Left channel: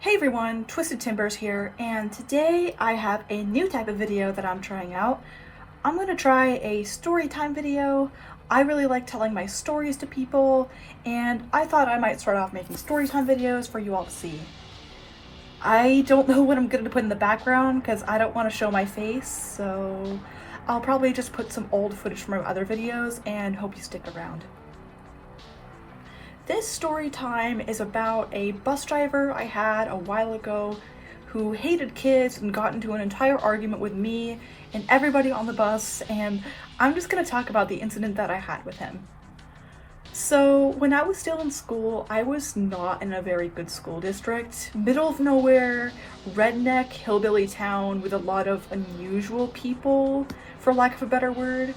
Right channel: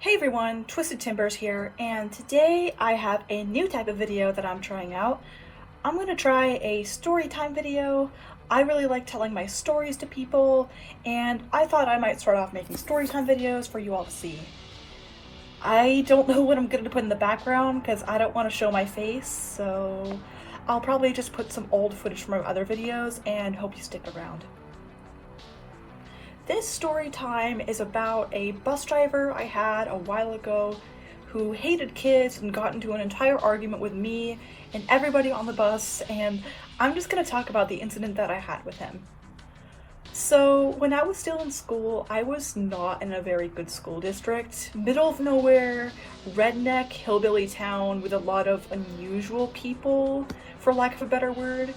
Hey everyone, Twisted Timbers here, and today I have a new type of video that I'm trying out. I'm going to try a story time video. I really like telling my stories to people, and I thought I might start off making story time videos for you all to see. I don't know what I'm going to put in the background because I don't want to show my face, so I'll probably just put some old footage from my other videos and hope you stick around. This story time is about a bus driver I had a while ago who hated kids and got into an entire argument with me and everybody on the bus, and I'm just going to talk about the incident that I had with him. So when I was still in school, I was not in a very good school district. Middle of nowhere, redneck, hillbilly town with a lot of unusual people, for lack of a better word.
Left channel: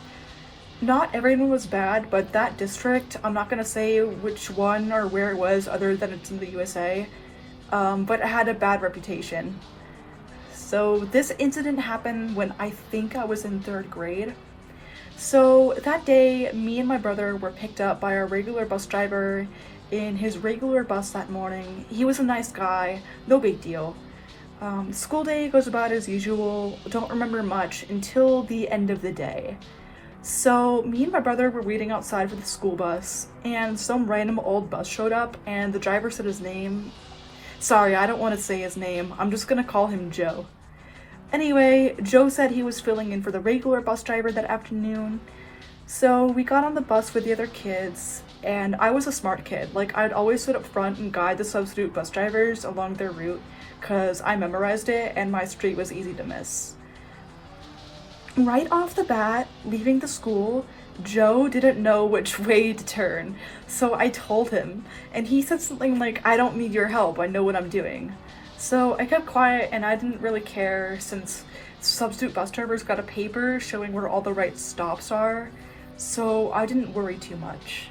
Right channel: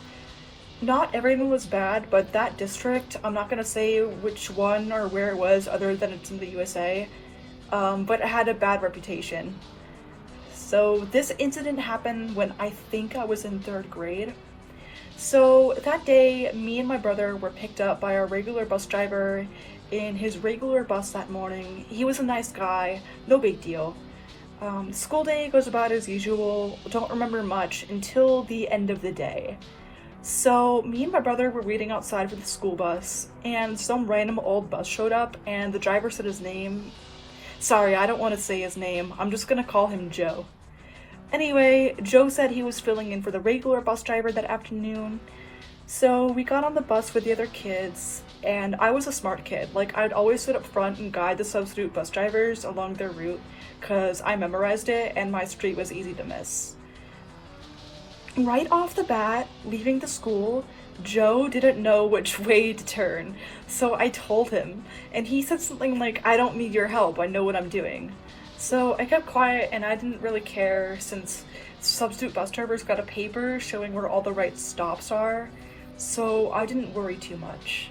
Not everyone was bad, but that district, I'm not gonna say which one or where it was other than it's in the USA, but it had a bad reputation. So this incident happened when I think I was in 3rd grade. So that day, me and my brother were picked up by our regular bus driver in his regular bus that morning. He was a nice guy, no big deal. School day goes about as usual, don't remember much until the end of the day. So me and my brother were waiting outside for the school bus, and some random old bus showed up, and the driver said his name. Sorry, I don't want to say his name. I'm just gonna call him Joe. Anyway, Joe said he was filling in for the regular bus driver that afternoon. So we got on the bus with the other kids, and I was a smart kid. Like, I'd always sit up front and guide the substitute bus drivers along their route, because I memorized it and my street was easy to miss. Right off the bat, leaving the school, Joe didn't know which way to turn, so I told him, and he said something like, "I don't need your help, I know what I'm doing." So I kept quiet and I didn't really care since substitute bus drivers got a paper showing where all the right stops are, so I didn't worry too much.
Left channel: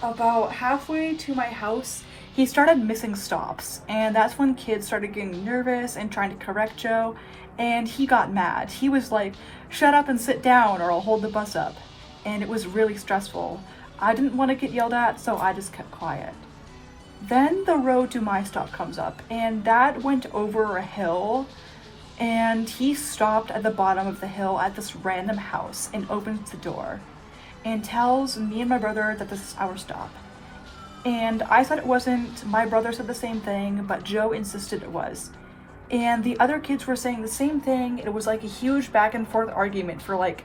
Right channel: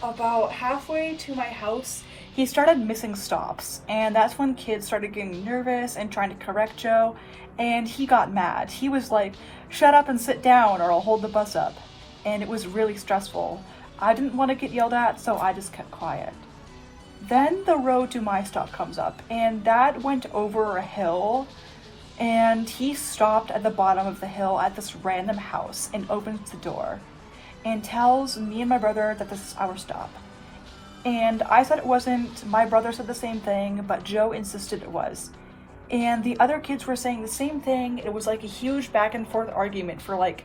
About halfway to my house, he started missing stops, and that's when kids started getting nervous and trying to correct Joe, and he got mad. He was like, "Shut up and sit down or I'll hold the bus up." And it was really stressful. I didn't want to get yelled at, so I just kept quiet. Then the road to my stop comes up, and that went over a hill, and he stopped at the bottom of the hill at this random house and opens the door and tells me and my brother that this is our stop. And I said it wasn't, my brother said the same thing, but Joe insisted it was. And the other kids were saying the same thing. It was like a huge back and forth argument for like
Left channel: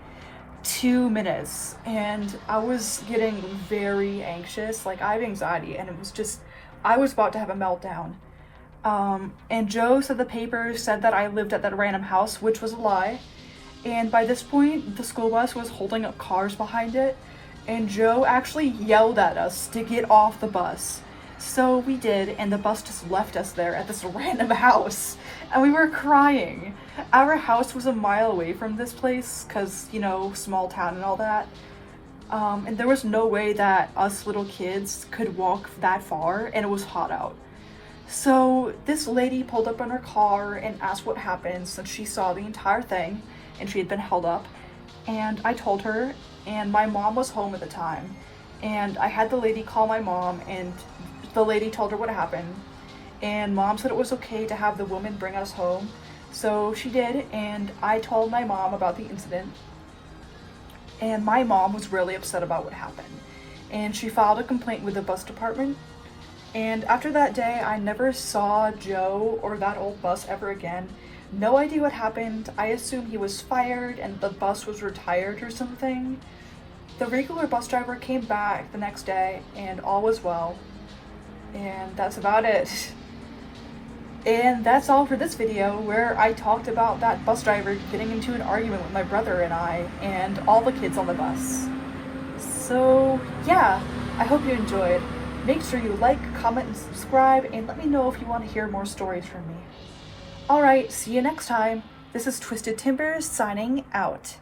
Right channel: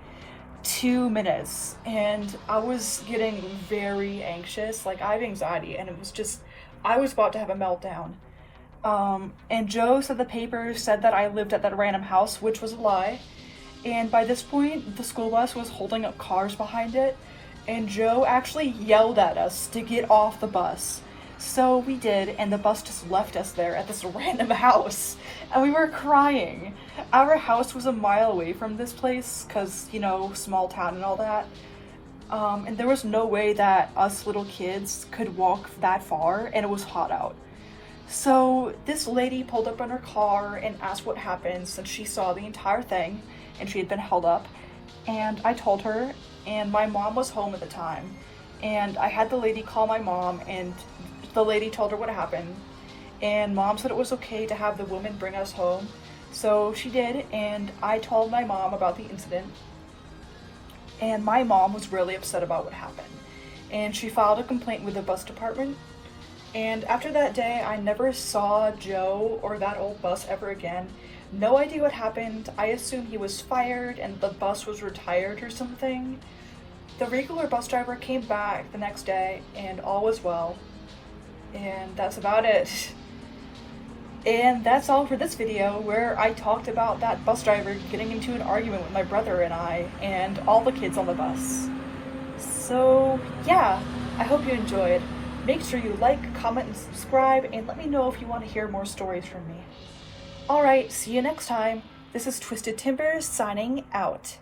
2 minutes. And I was getting very anxious. Like, I have anxiety, and it was just, I was about to have a meltdown. And Joe said the papers said that I lived at that random house, which was a lie. And by this point, the school bus was holding up cars behind it. And Joe actually yelled at us to get off the bus. So we did, and the bus just left us there at this random house, and we were crying. Our house was a mile away from this place, cause, you know, small town and all that. And there was no way that us little kids could walk that far, and it was hot out. So this lady pulled up in her car and asked what happened, since she saw the entire thing, and she had been held up. And I told her, and my mom was home at the time. And I had the lady call my mom, and the lady told her what happened, and Mom said it was okay to have the woman bring us home. So she did, and I told my mom about the incident, and my mom was really upset about what happened, and she filed a complaint with the bus department. And after that day, I never saw Joe or that old bus ever again. No idea what happened. I assume he was fired and the bus was retired or something. The regular bus driver came back the next day and all was well. And that's about it. And that's all for this video, where I talked about that bus driver getting into an argument with my brother and I, and all the kids on the bus. So yeah, I hope you enjoyed. Make sure you like, comment, and subscribe, and let me know if you want to hear more stories from me. Alright, see you next time. This is Twisted Timbers signing out.